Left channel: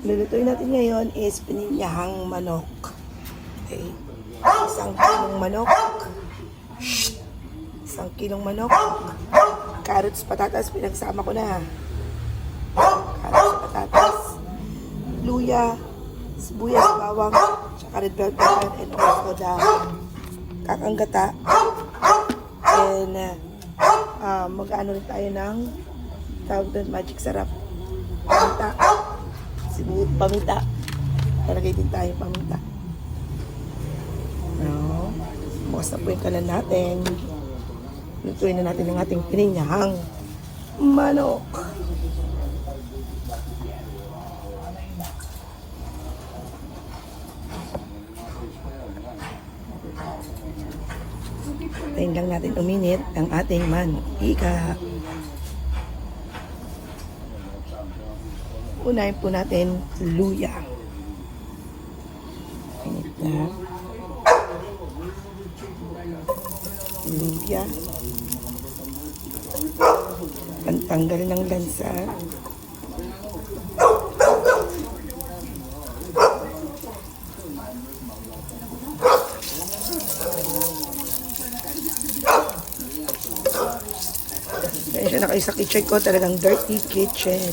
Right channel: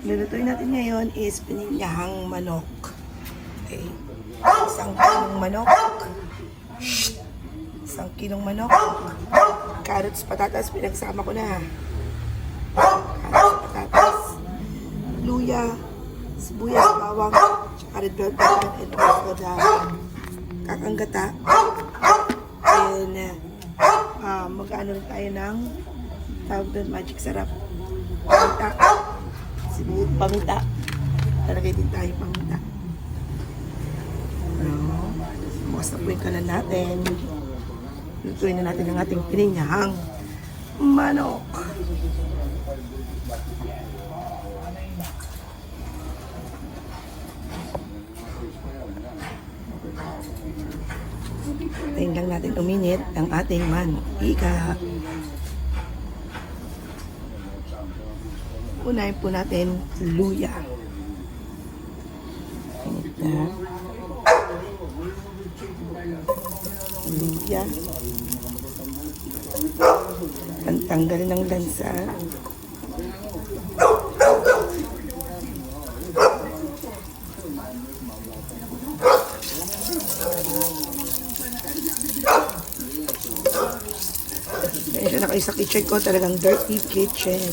Lulutuin natin ngayon is pininyahang manok. Okay. Isang kilong manok. Isang kilong manok. Carrots, patatas, pinagsama ko na. Carrots, patatas. Luya, sibuyas, bawang, tsaka red bell pepper, and also the kakanggata. And mag-ano rin tayo ng tawag doon, magic sarap. Paminta. Sibuyas, paminta. Talagay din tayo paminta. No. Bukas na po yung kalan natin. Lutuin na natin ang ating pininyahang manok. Tayin lang natin uminit ang ating mantika. Unahin po natin luya. Init na. Luya. Pantanggal ng lansa. Medyo na kayo sa kitchen ko, talagang dirty kitchen.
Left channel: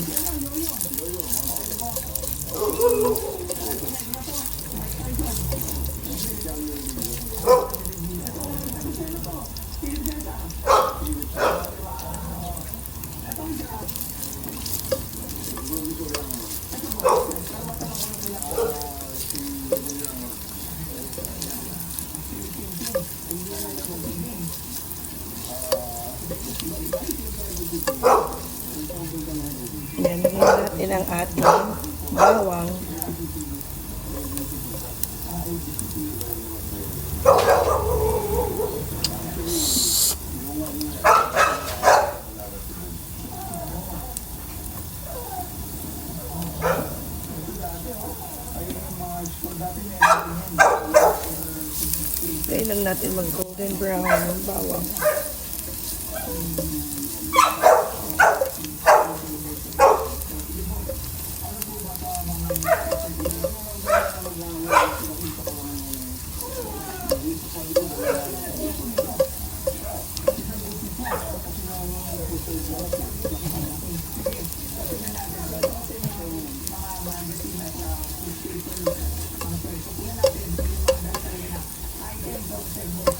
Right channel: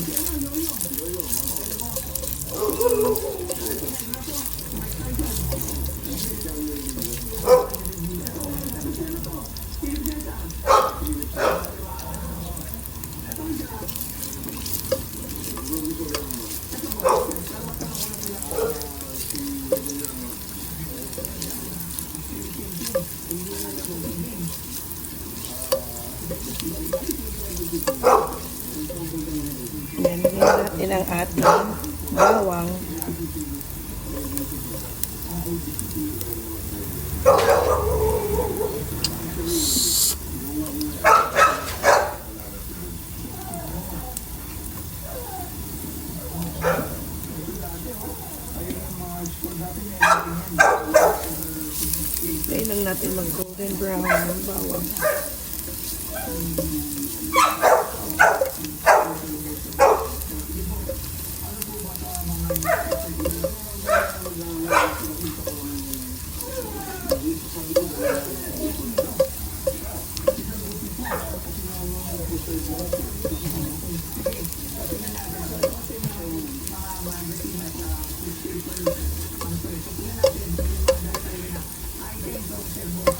Nilagyan natin ang ating bawang. Try lang natin mag-golden brown ng bawang.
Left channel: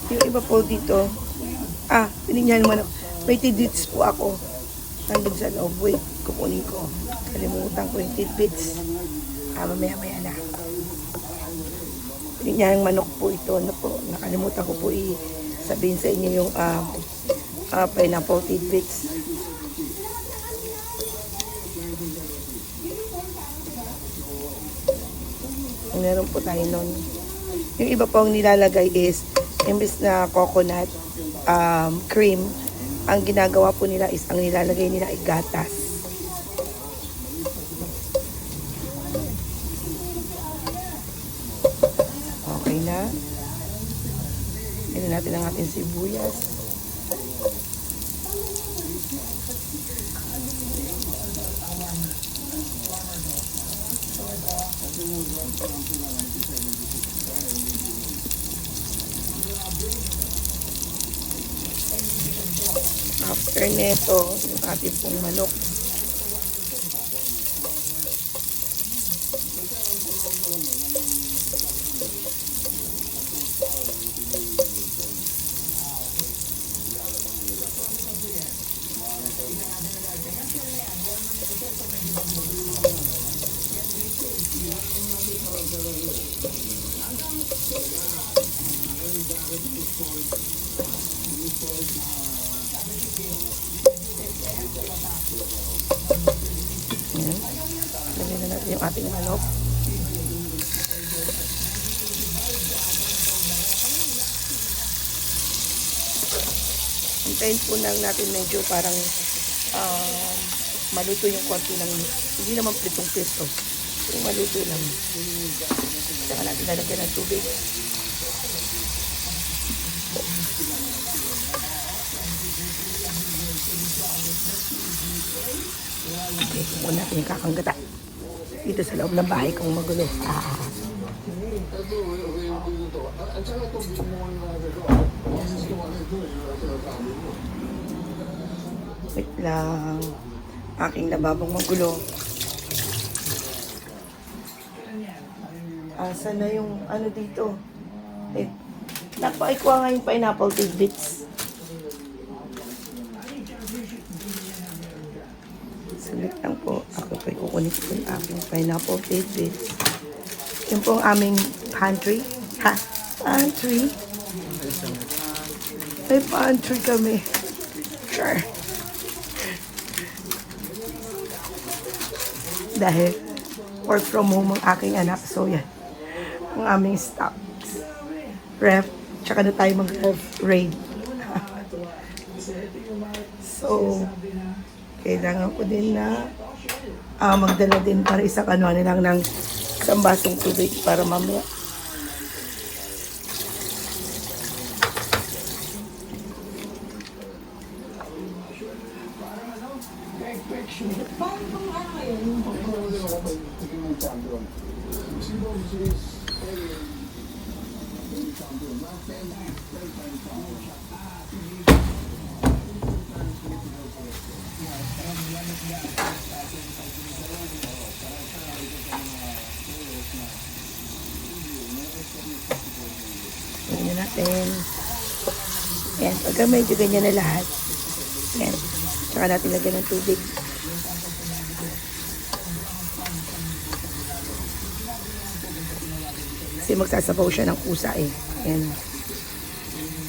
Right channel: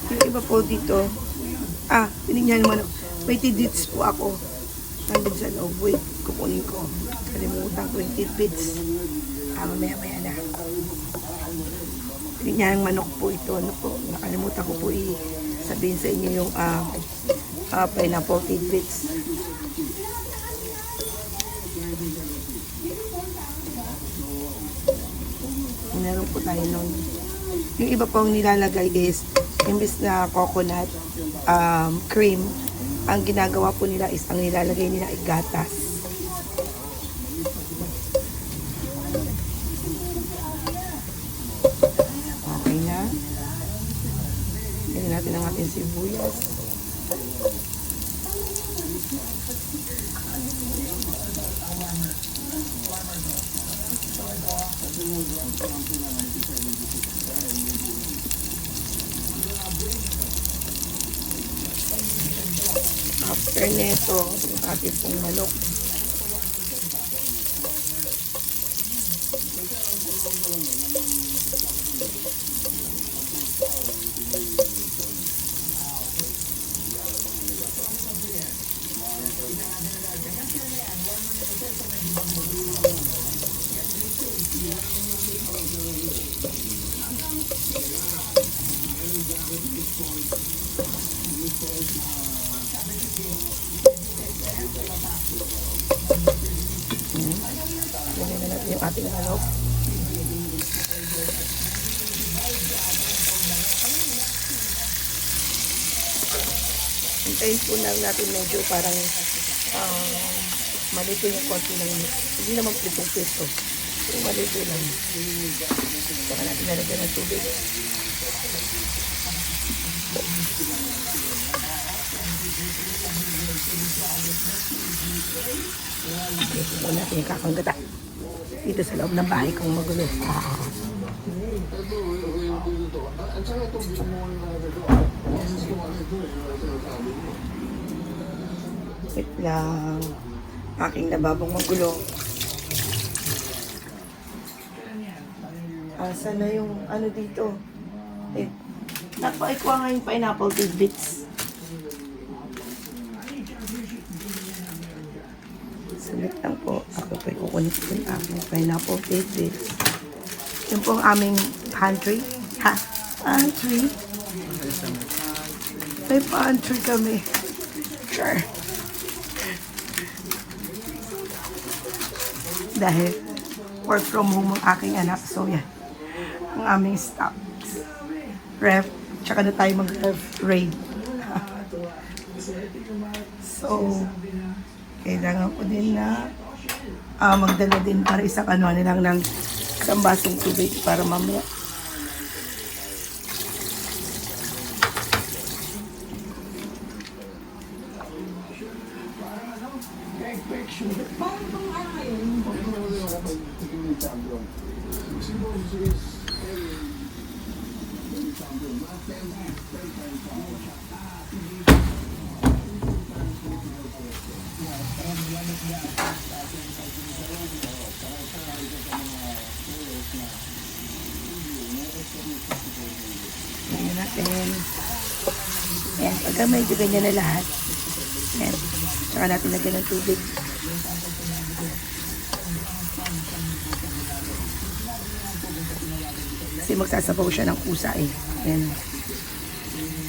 Yung iba po dito, pininyahang manok. May tidbits po ako. Nandun sa loob. Wait, kukunin ko. Kalimutan ko yung tidbits. Mamaya na. Pininyahang manok po ito. Ano po, nakalimutan ko po sabihin sa inyo yung pineapple tidbits. Meron po tayo nun. Yung iba po ang nilalagay is imbis na coconut cream, ang ginagawa po nila is ang nilalagay nila ay gatas. Okay na. Tignan natin ang ating sibuyas. After nito, yung ating manok. Yung ating manok. Hintayin po lang natin medyo parang malito yung kwarto lang. Hindi naman po itong pesto. Pero malito lang. Saka natin nalagyan ng tubig. Ito natin yung kakangkata. Dito sa loob ng bahay kong magulo. Wait lang. Aking lababong magulo. Saan na yung ano dito? Nagpakikuha nga yung pineapple tidbits. Sulit lang po. Ako pa kukunin ko yung aking pineapple tidbits. Yun po ang aming pantry. Pantry. May pantry kami. Sorry. Dahil work from home ang aking anak. So yan. Ang aming stock. Ref. Tsaka na tayo mag-ref raid. So, kailangan ko din na magdala din para isang ano lang ng isang basong tubig para mamaya. Yan, pagka may ganyan na lahat. Yan. Saka natin lagyan ng tubig. Kasi magsasabaw siya ng kusa eh. Yan.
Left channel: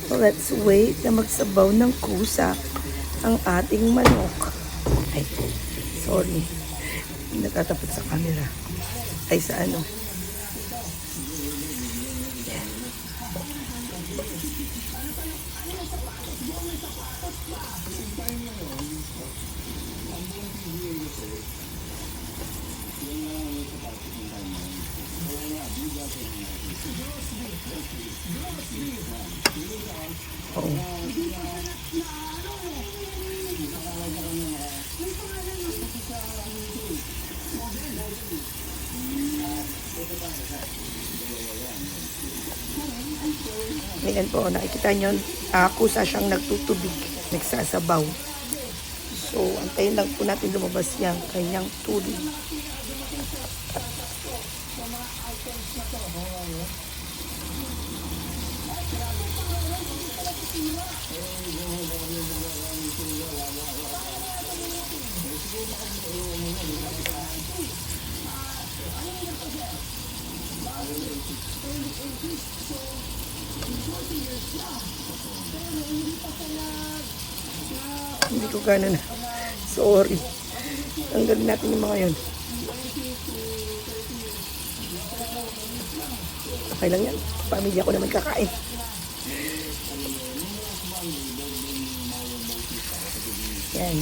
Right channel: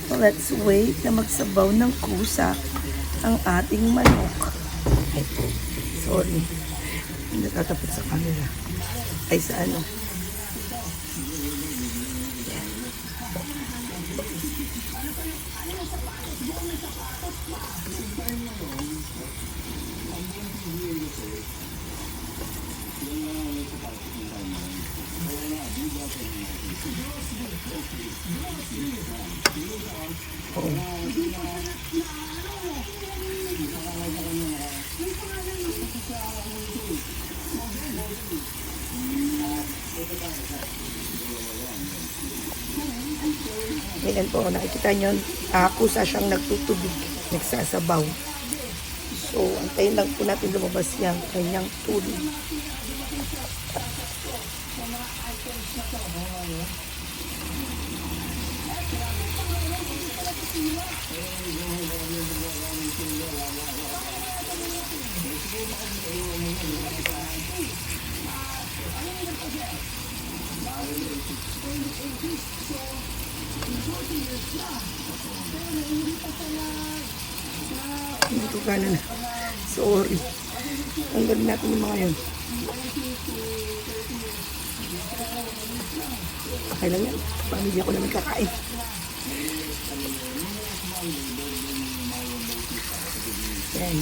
So let's wait na magsabaw ng kusa ang ating manok. Ay, sorry. Natatapot sa camera. Ay, sa ano. Ganun po, nakikita nyo, kusa siyang nagtutubig, nagsasabaw. So, antayin lang po natin lumabas yan. Antayin lang tubig. Hindi ko ganun. Sorry. Tanggalin natin yung mga yun. Okay lang yan. Pamilya ko naman kakain. Yan.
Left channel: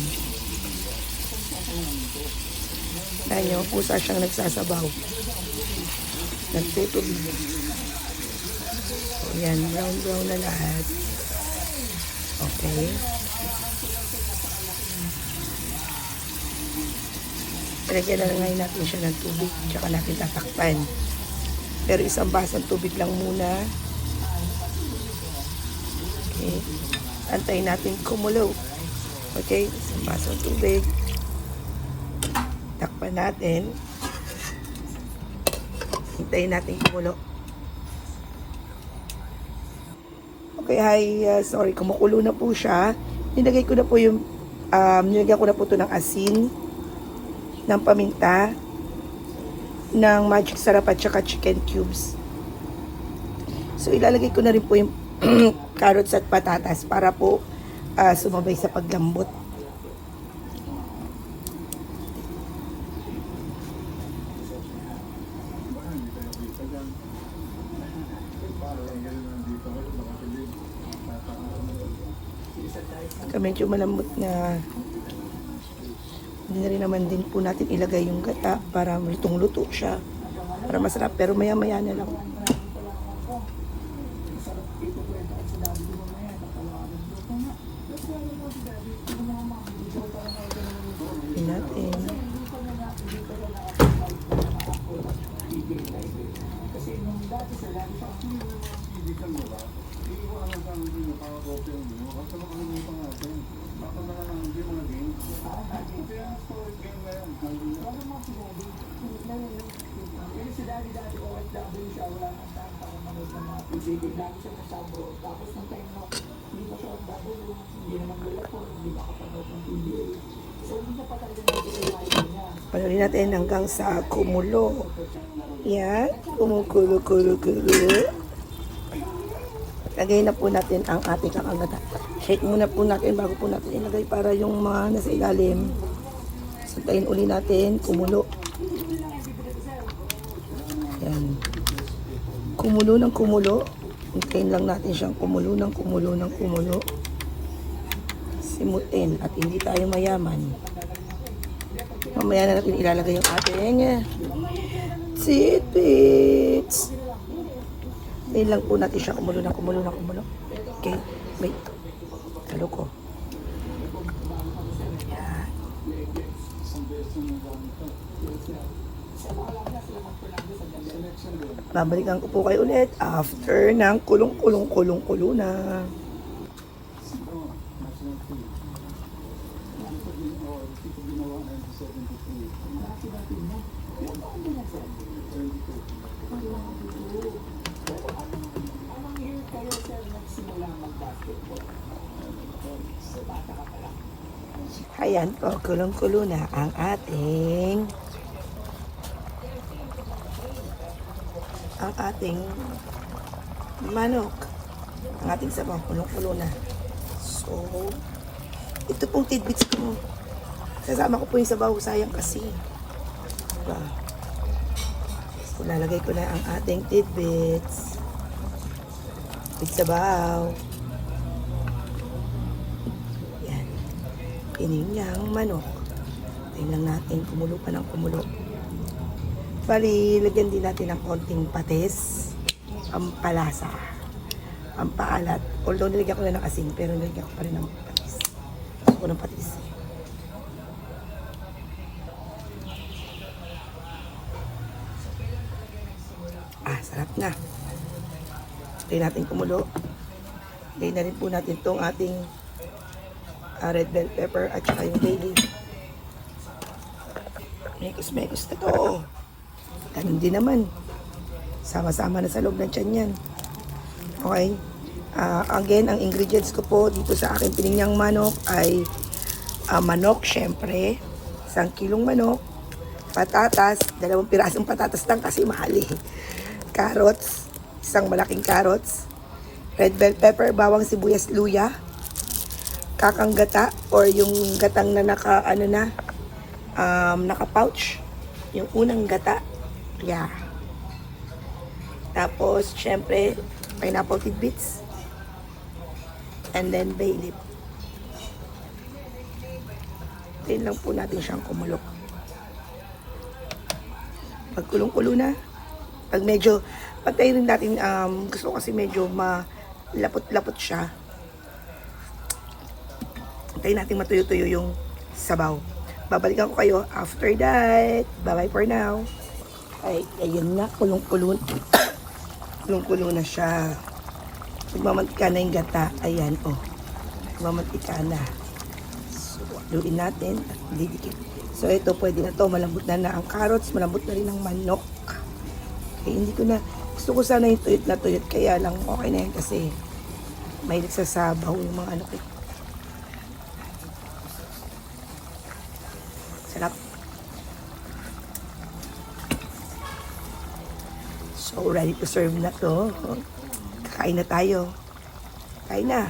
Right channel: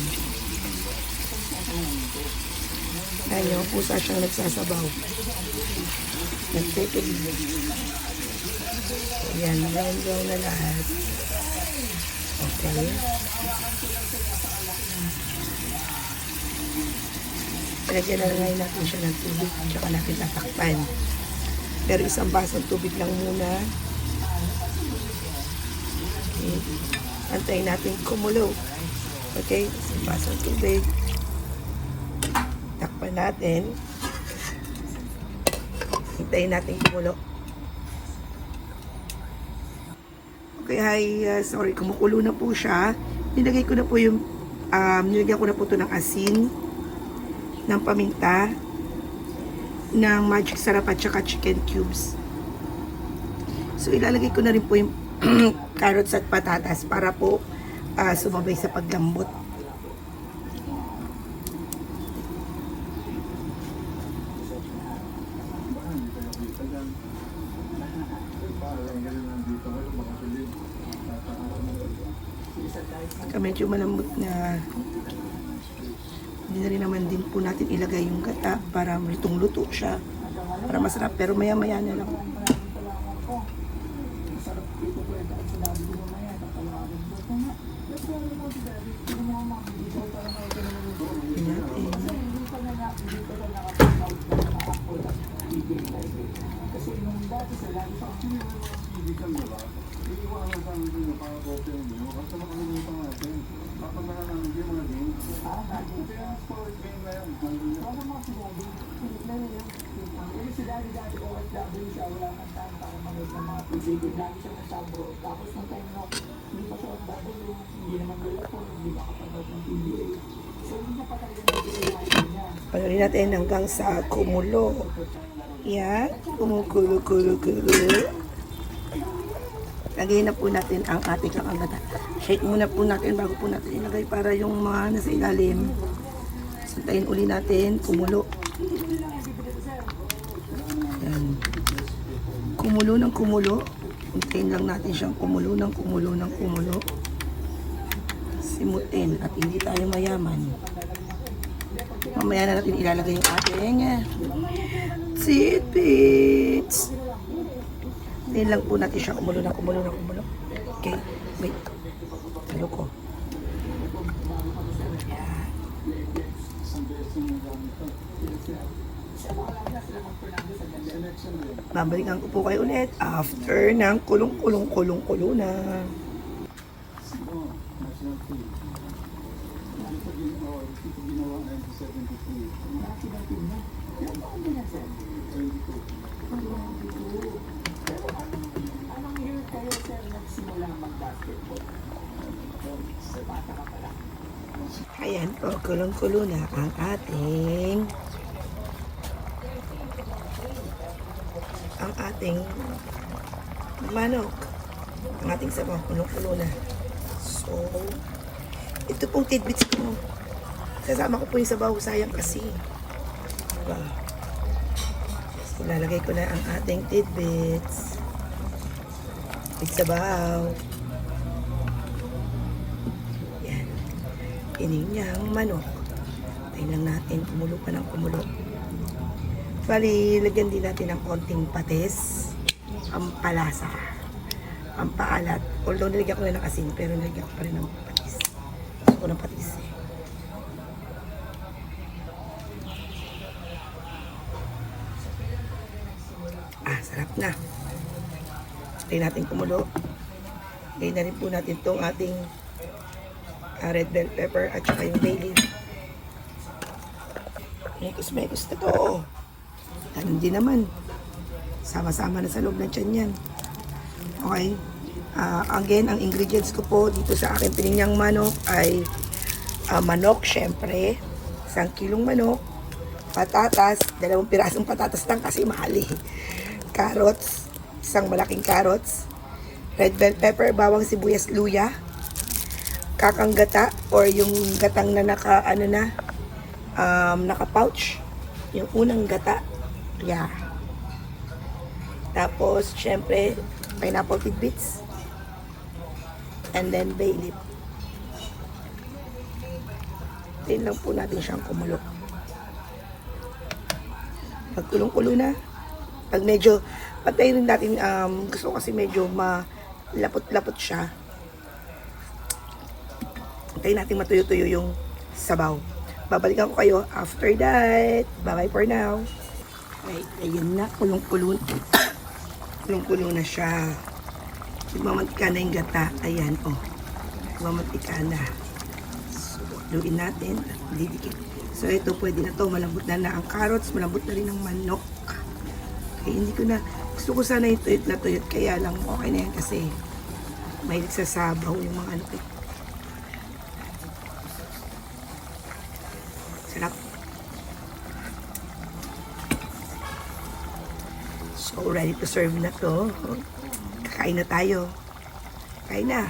Dahil yung pusa siyang nagsasabaw. Nagtitilig. Yan. Yan na lahat. Okay. Pero kailangan nyo natin siya ng tubig. Tsaka natin tatakpan. Pero isang basang tubig lang muna. Okay. Antayin natin kumulo. Okay, isang basang tubig. Takpan natin. Antayin natin kumulo. Okay, hi. Sorry, kumukulo na po siya. Nilagay ko na po yung, nilagyan ko na po ito ng asin, ng paminta, ng magic sarap at saka chicken cubes. So, ilalagay ko na rin po yung carrots at patatas para po sumabay sa paglambot. Medyo malambot na, hindi na rin naman din po natin ilagay yung gata para lutong-luto siya, para masarap, pero maya-maya na lang. Natin. Panorin natin hanggang sa kumulo. Yan, kumukulo-kulo-kulo. Lagay na po natin ang ating kakagata. Shake muna po natin bago po natin ilagay para yung mga nasa ilalim. Sintayin uli natin, kumulo. Yan. Kumulo ng kumulo. Hintayin lang natin siyang kumulo ng kumulo ng kumulo. Simutin at hindi tayo mayaman. Mamaya na natin ilalagay yung ating tidbits. Hintayin lang po natin siya kumulo ng kumulo ng kumulo. Okay. Wait. Talo ko. Babalikan ko po kayo ulit after ng kulong-kulong-kulong-kulo na. Ayan po, kulong-kulo na ang ating manok. Ang ating sabaw, kulong-kulo na. So, ito pong tidbits ko. Sasama ko po yung sabaw, sayang kasi. So, lalagay ko na ang ating tidbits. Sabaw. Ininyang manok. Tingnan natin, kumulo pa ng kumulo. Bali, lagyan din natin ng konting patis, pampalasa, pampaalat. Although nilagyan ko na ng asin, pero nilagyan ko pa rin ng patis. Gusto ko ng patis. Sarap na. Lagyan natin kumulo. Lagyan na rin po natin itong ating red bell pepper at saka yung bay leaf. Mekos-mekos ito eh. Ganun din naman. Sama-sama na sa loob ng tiyan yan. Okay. Again, ang ingredients ko po dito sa aking pininyang manok ay manok, syempre. 1 kilong manok. Patatas. 2 pirasong patatas lang kasi mahal eh. Carrots. 1 malaking carrots. Red bell pepper, bawang sibuyas, luya. Kakang gata or yung gatang na naka-pouch. Yung unang gata. Yeah. Tapos, syempre, pineapple tidbits. And then, bay leaf. Tingnan po natin siyang kumulo. Pag kulong-kulo na, pag medyo, patayin natin, gusto ko kasi medyo malapot-lapot siya. Hintayin natin matuyo-tuyo yung sabaw. Babalikan ko kayo after that. Bye-bye for now. Ay, ayun na. Kulong-kulo. Kulong-kulo na siya. Magmamantika na yung gata. Ayan, oh. Magmamantika na. So, haluin natin at didikit. So, ito pwede na to. Malambot na ang carrots. Malambot na rin ang manok. Eh, hindi ko na. Gusto ko sana yung tuyot na tuyot. Kaya lang, okay na yun kasi may nagsasabaw yung mga ano ko. Sarap. So, ready to serve na to. Kakain na tayo. Kain na.